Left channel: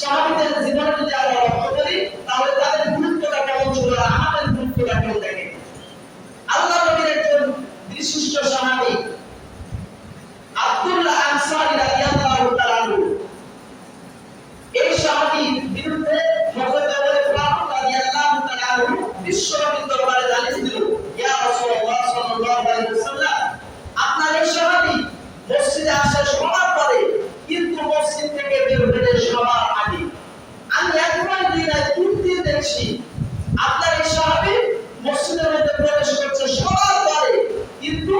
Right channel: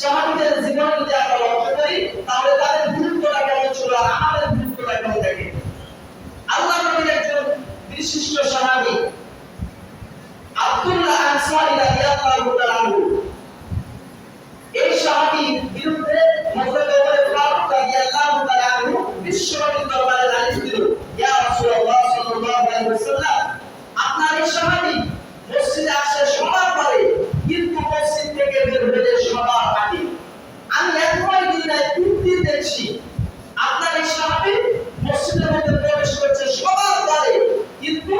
সাহাবীদের জীবনে যদি আমরা লক্ষ্য করি তাহলে তাদের গুরুত্বটা কেমন ছিল আর আমাদের গুরুত্বটা কেমন দেখে। আল্লাহ নবীর একজন বিশিষ্ট সাহাবী আব্দুল্লাহ আনসারী রাদিয়াল্লাহু তাআলা আনহু, এই সাহাবীর বিরুদ্ধে হযরত ওমর ফারুক রাদিয়াল্লাহু তাআলা আনহু বিশ্বনবীর দরবারে নালিশ দিল, ইয়া রাসূলুল্লাহ সাল্লাল্লাহু আলাইহি ওয়াসাল্লাম, আপনার এই সাহাবী মসজিদে আসে সবার পরে কিন্তু মসজিদ থেকে বের হয়ে সবার আগে। আমি একবার দিনে 3 দিন দেখছি আপনার এই সাহাবী মসজিদের মধ্যে প্রবেশ করছে সবার পরে কিন্তু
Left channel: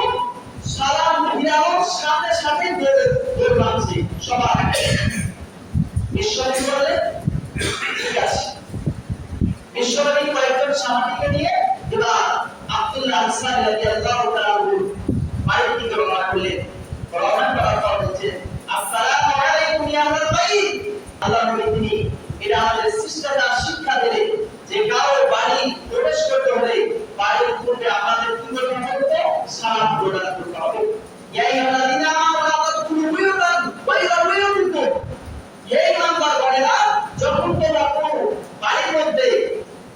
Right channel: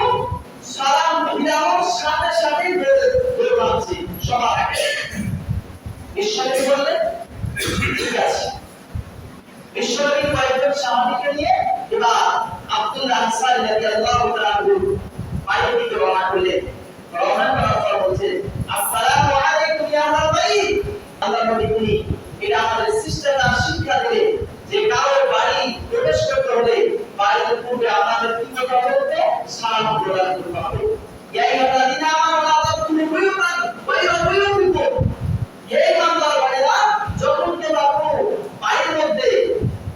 সালাম ফিরানোর সাথে সাথে বের হচ্ছে সবার আগে। বিশ্বনবী বললেন ঠিক আছে। বিশ্বনবী কয়েকজন সাহাবীকে নিয়ে এবার আব্দুল্লাহ আনসারী রাদিয়াল্লাহু তাআলা আনহু বাইরের দিকে রওনা করলেন। রওনা করার পর বলছেন, আসসালামু আলাইকুম ইয়া আহলাল বাইত। আল্লাহ নবী তিনি এটা আমাদের শিষ্টাচার শিক্ষা দিলেন যে কারো বাড়ি প্রবেশ করতে হলে বাড়ির পূর্বে আপনাদের কি করতে হবে? সালাম প্রদান করতে হবে। ইয়া আইয়ুহাল্লাযীনা আমানু লা তাদখুলু বুয়ুতান গায়রা বুয়ুতিকুম। হে ইমানদার বান্দারা, যখন তোমরা কোনো বাড়ির মধ্যে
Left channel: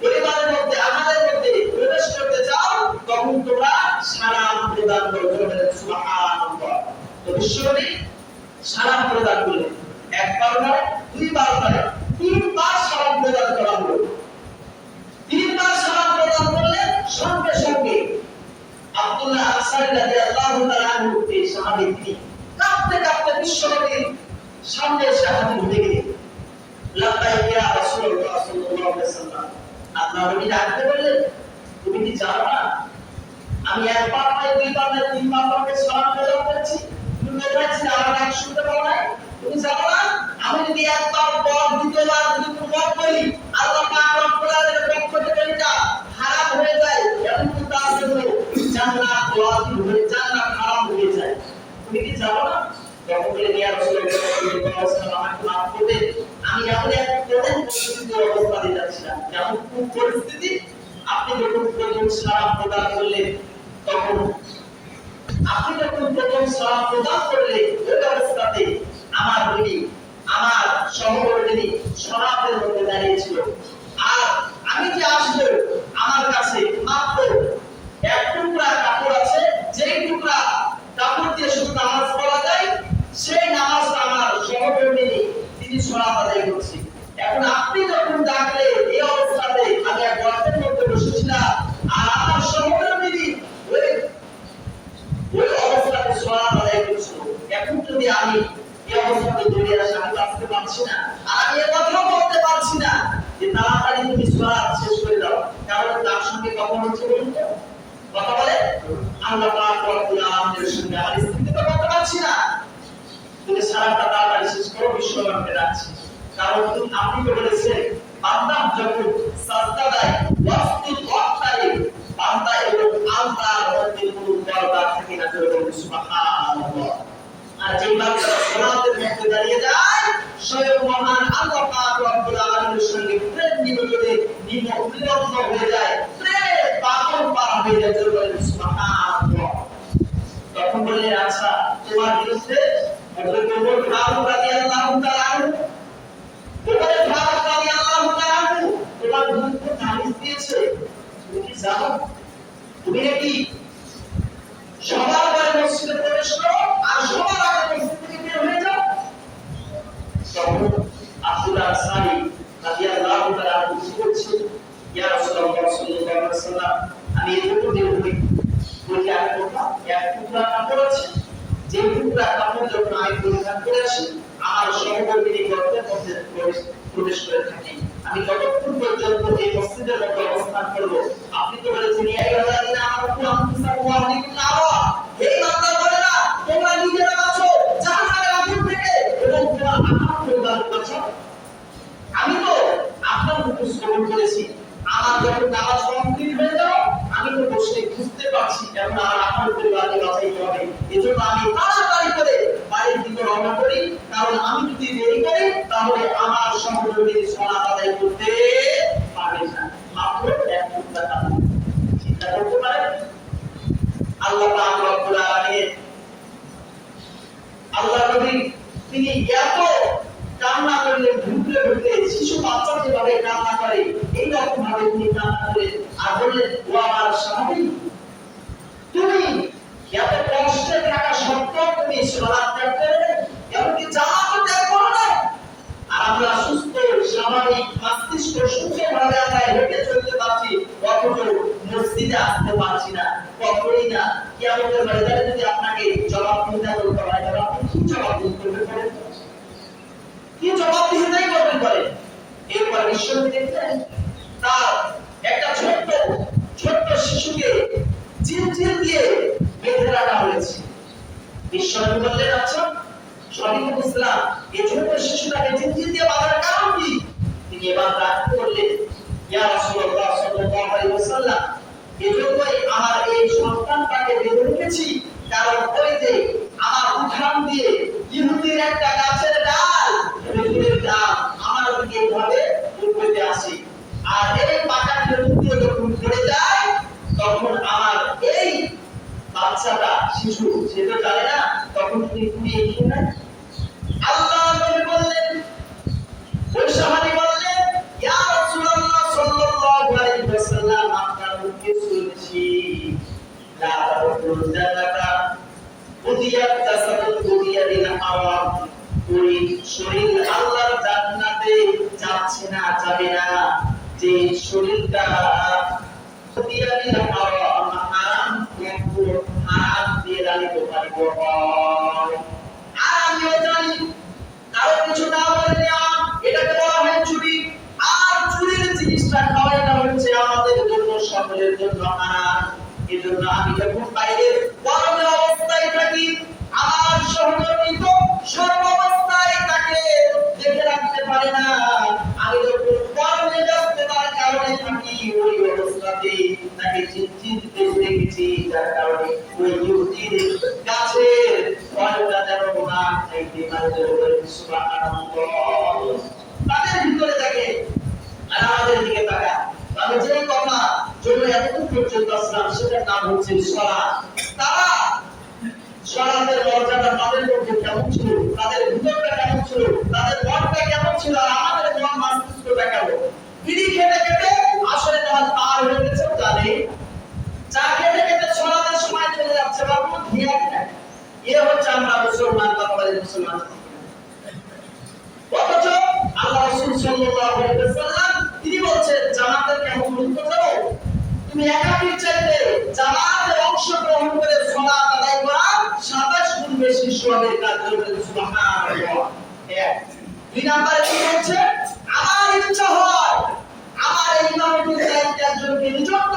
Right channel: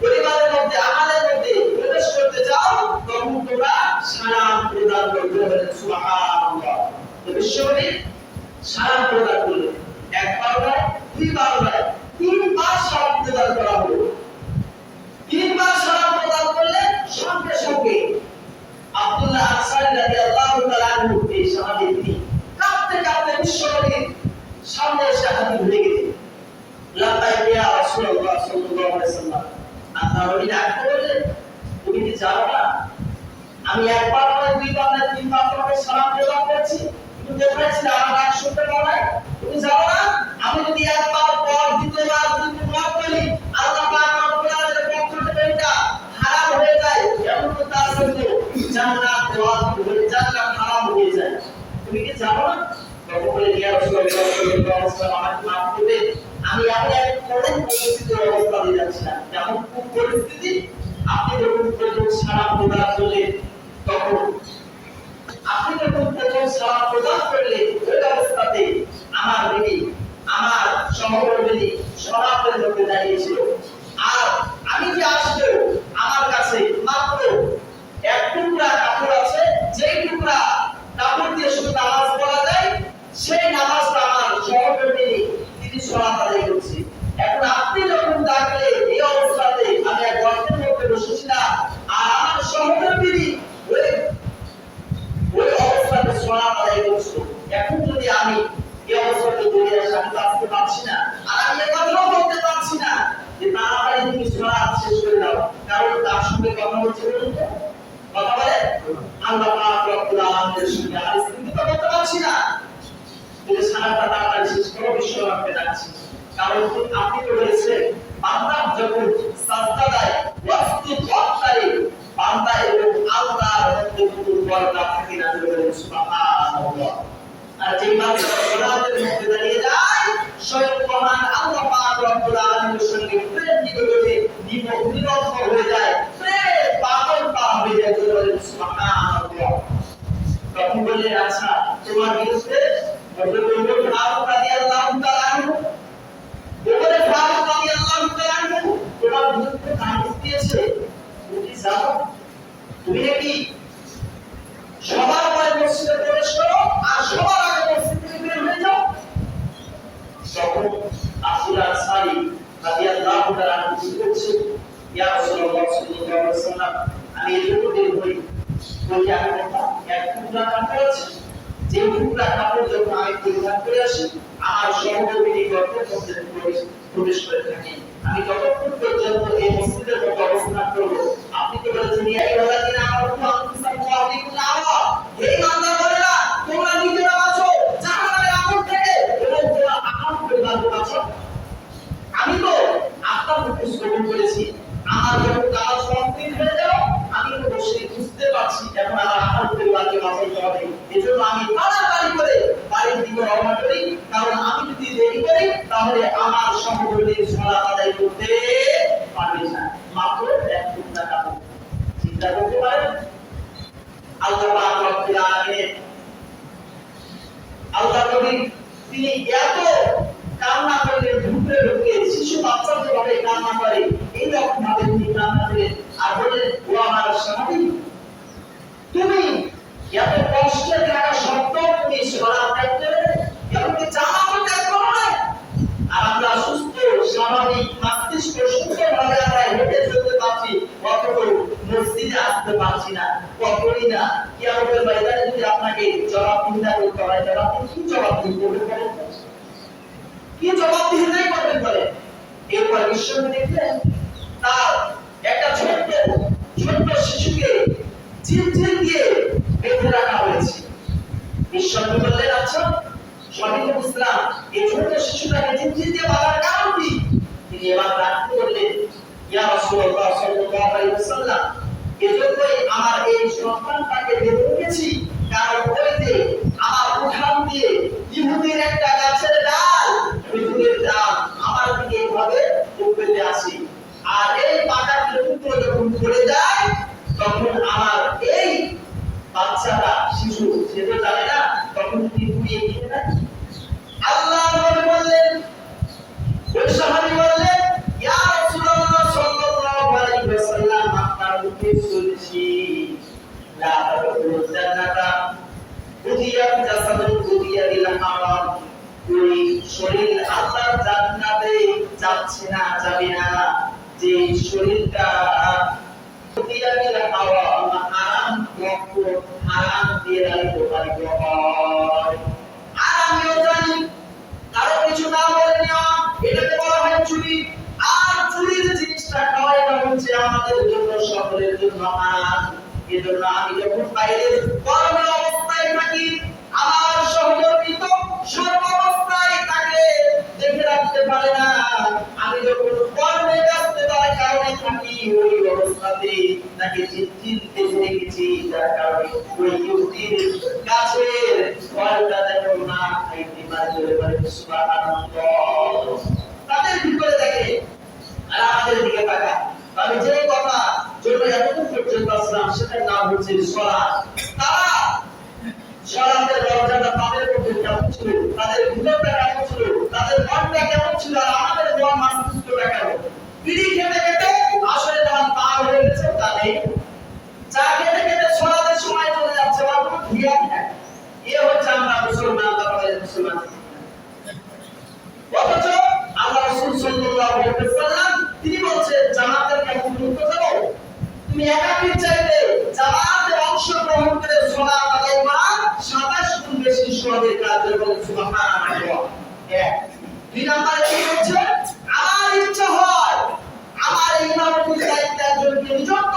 পরিবারের মধ্যে আমাদের মধ্যে প্রবেশ করতে চাও তখন তোমরা সালাম প্রদান করবে। সুবহানাল্লাহ। তো বিশ্বনবী সালাম প্রদান করলেন, একবার নয়, দুইবার নয়, 3 বার সালাম প্রদান করা হলো। 3 বার সালাম প্রদান করলেন, সঙ্গে সঙ্গে আব্দুল্লাহ আনসারী রাদিয়াল্লাহু তাআলা আনহু এই সাহাবী তিনি কাঁপতে কাঁপতে বিশ্বনবীর সামনে এসে হাজির হয়ে গেলেন। লাব্বাইক ইয়া রাসূলুল্লাহ সাল্লাল্লাহু আলাইহি ওয়াসাল্লাম। আল্লাহ নবী ডাকতে বললেন, তুমি কি জানো না আমি একবার নয়, দুইবার নয়, 3 বার তোমাকে সালাম প্রদান করেছি? তুমি কোথায় ছিলে? আমার ডাক শুনতে পাও নাই? তুমি জানো না আমি যদি একবার পর দ্বিতীয়বার যদি মত বলি আল্লাহ পাক রব্বুল আলামিনের পক্ষ থেকে এটা হারাম হয়ে যায়, এমন তো তার জন্য জান্নাত ওয়াজিব হয়ে জান্নাত হারাম হয়ে যায়। তুমি কি জানো না? তখন বলে, ইয়া রাসূলুল্লাহ সাল্লাল্লাহু আলাইহি ওয়াসাল্লাম, আমাকে মাফ করবেন, আমি এমন এক কঠিন পরিস্থিতির অবস্থা দিয়ে যাচ্ছিলাম। এমন কোন পরিস্থিতি? আপনি যখন প্রথম সালাম প্রদান করলেন তখন আপনি যখন প্রথম সালাম প্রদান করলে ওই অবস্থাতে আমার বিবি, আমার সহকর্মী শরাতের মধ্যে দাঁড়িয়েছিল। আর আমি যে আসবো আমার কাছে মাত্র এক টুকরা কাপড় আছে, যেই টুকরা কাপড় দিয়ে শুধু নামাজ পড়া যায়, সেই নামাজটা আমার সহকর্মী তিনি শরাত আদায় করছে। এখন আপনি যখন ডাকলে এই অবস্থাতে আমি এক গর্তের মধ্যে বসেছিলাম আর আমার সহকর্মী ওই অবস্থাতে শরাত আদায় করছিল। এখন যদি আমি এই অবস্থাতে দৌড়ে আসি, আমি বাঁচতে পারছি না আর আমি এ কথাও বলতে পারছি না যে তাড়াতাড়ি তুমি শরাত শেষ করে দাও, কারণ তার সঙ্গে কথা বলছে বলুন তো, কথা বলে আল্লাহ পাক রব্বুল আলামিনের সঙ্গে। আর স্ত্রীকে তো বলতে পারছি না তুমি সারাটা তাড়াতাড়ি শেষ করো, বিশ্বনবীকে ডাকছি। কারণ আপনি তো বলেছেন বান্দা যখন সাজদা দেয় ওয়াসজুদ ওয়াক্তারি, বান্দা এবং আল্লাহর মধ্যে কোনো পর্দা থাকে না। সুবহানাল্লাহ। আর যে বান্দা সালাতের মধ্যে দাঁড়িয়ে যায় স্বয়ং মহান আল্লাহ পাক রব্বুল আলামিনের সঙ্গে প্রেম নিবেদনে নিমগ্ন হয়ে যায়, প্রেমের পাগল পারা হয়ে যায়। সুবহানাল্লাহ। তখন বললেন, আচ্ছা তোমার বিরুদ্ধে হযরত ওমর ফারুক রাদিয়াল্লাহু তাআলা আনহু, ওমর ফারুক রাদিয়াল্লাহু তাআলা আনহু তোমার বিরুদ্ধে নালিশ দিয়েছে, তুমি কি জানো? তুমি নাকি সবার পরে মসজিদে প্রবেশ করো আর সবার আগে মসজিদ থেকে বের হয়ে যাও। তখন আব্দুল্লাহ আনসারী রাদিয়াল্লাহু তাআলা আনহু কি বলছে, ইয়া রাসূলুল্লাহ সাল্লাল্লাহু আলাইহি ওয়াসাল্লাম, আমি এতটুকু বের হই বলি আমি বললাম এক টুকরা কাপড় আছে, যে টুকরা কাপড় যখন আমি পরিধান করে আসি আমার সহকর্মী গর্তের মধ্যে প্রবেশ করে থাকি, আমি ততক্ষণ পর্যন্ত এই মসজিদের মধ্যে অবস্থান করব। আপনি তো বলেছেন ইয়া আইয়ুহাল্লাযীনা আমানু আনফুসাকুম ওয়া আহলিকুম নারা, হে ইমানদার বলেরা তোমরা নিজেরা বাঁচো জাহান্নামের আগুন থেকে এবং তোমরা আমার পরিবারকে বাঁচো। আমি তো আপনার হুকুম শ্রবণ করেছি, আমার যখন নামাজ কমপ্লিট হয়ে যাও আমি তো বসে বুঝতে পারছি এখন আমার পরিবারকে বাঁচাইতে হবে। এজন্য আমি তাড়াতাড়ি করে বাড়ির দিকে রওনা করি, কারণ আমি যদি দেরি করি তাহলে আমার সহকর্মীর সালাত আদায় করতে পারবে না। মাত্র এক টুকরা কাপড়। চিন্তা করতে পারেন আল্লাহ পাক রব্বুল আলামিনের আল্লাহ নবী তিনি এত কান্না করলে ঢুকলে ঢুকলে শিশু বাচ্চা যেভাবে কান্না করে এই রকম ভাবে তিনি কান্না করেন আর বললেন, ও আমার সাহাবী, তুমি এত কষ্টে থাকা সত্ত্বেও তুমি সালাত ত্যাগ করে এমনকি জামাতও ত্যাগ করো না। আর আমরা সুস্থ স্বাভাবিক মস্তিষ্ক সুস্থভাবে আমরা হেঁটে চলতে পারছি, অথচ মসজিদে আসতে পারছি না, কখনোই না। কিয়ামতের ময়দানে যদি আপনাকে জবাবদিহিতা করতে হয়, তাহলে আপনি কি জবাবদিহি করবেন বলেন? কি জবাবদিহিতাই করবেন বলেন? এরপর বিশ্বনবী দেখলেন তার একটা ছোট্ট ছোট্ট শিশুকে চিলচিল দিয়ে বেঁধে রাখা হয়েছে। বিশ্বনবী বললেন, আচ্ছা শহীদুল ইসলাম, এই ছোট্ট শিশুটাকে চিলচিল দিয়ে বাঁধার কারণ কি? তিনি এবার রাখতে বললেন, ইয়া রাসূলুল্লাহ সাল্লাল্লাহু আলাইহি ওয়াসাল্লাম, এজন্যই আমার এই সন্তানটাকে বেঁধে রেখেছি, কারণ ওই যে আমার উঠান দিয়ে ইহুদির একটা গাছের ডাল, খেজুরের ডাল আমার দিকে এইভাবে উপড়ে আসে, আর এই পাকা খেজুরগুলো যখন পড়ে যায় তখন আমার এই বাচ্চাটা শিশু সে তো জানে না, তখন তিনি কুড়িয়ে দিয়ে নেন। আল্লাহ নবী বললেন, ওই সাহাবী বললেন, ইয়া রাসূলুল্লাহ সাল্লাল্লাহু আলাইহি ওয়াসাল্লাম, আপনার মুখে শুনেছি লা তাদখুলুল জান্নাতা উদিয়াত জাসাদুল উদিয়া বিল হারাম, ওই শরীর আল্লাহর জান্নাতে যাচ্ছে না, যাবে না যে শরীরটা উদিয়া বিল হারাম, হারাম মাকরুহ, হারাম দিয়ে লালিত পালিত হয়। আর আমিও জানি কারো কিছু না বলে নেওয়া এটাকে বলা হয় চুরি, আর চুরির জিনিসটা খাওয়া এটা হচ্ছে আমাদের জন্য সকলের জন্য হারাম। এজন্য আমি যখন বাইরের গরমের অবস্থায় থাকি, আমার সহকর্মী তো সর্বাবস্থায় তাকে দেখে রাখতে পারে না, আমি যখন কর্মে ব্যস্ততার কারণে থাকি ওই অবস্থাতে তাকে চিন্তিত দেখে রেখেছি, যার কারণে ওই ইহুদির গাছের ফলটা যেন না খাইতে পারে। সুবহানাল্লাহ। তাদের ভিতরে দেখে আর আমাদের দিকে তাকা, আমি যে কথা জন্য এতটুকু পর্যন্ত আসলাম সেটার নাম হচ্ছে সালাত। তারা সালাতের মর্যাদা তাদের মধ্যে কেমন ছিল, তাদের ভিতরটা কেমন ছিল, তাদের মনটা কেমন ছিল, আর আমাদের মন মস্তিষ্কটা কেমন। বিড়ি খেতে খেতে আসলে নামাজ পার হয়ে গেছে জানে, চা খেতে খেতে সালাতের সময় চলে যাচ্ছে, বা কোনো ধিয়ান নাই। এ হচ্ছে আমরা মুসলমান, বাংলাদেশের মুসলমান। অথচ আল্লাহ রাসূল সাল্লাল্লাহু আলাইহি ওয়াসাল্লাম তিনি বলছেন, জামাতের কেমন গুরুত্ব জানো? তুমি একাকির চাইতে জামাতে অংশগ্রহণ করে সালাত আদায় করা 27 গুণ বেশি সওয়াবের কাজ করবে। সুবহানাল্লাহ। এক। দুই নম্বরে কি হচ্ছে? আমার ইচ্ছা হয় আমার এই ইমামতির দায়িত্ব একজনকে নিযুক্ত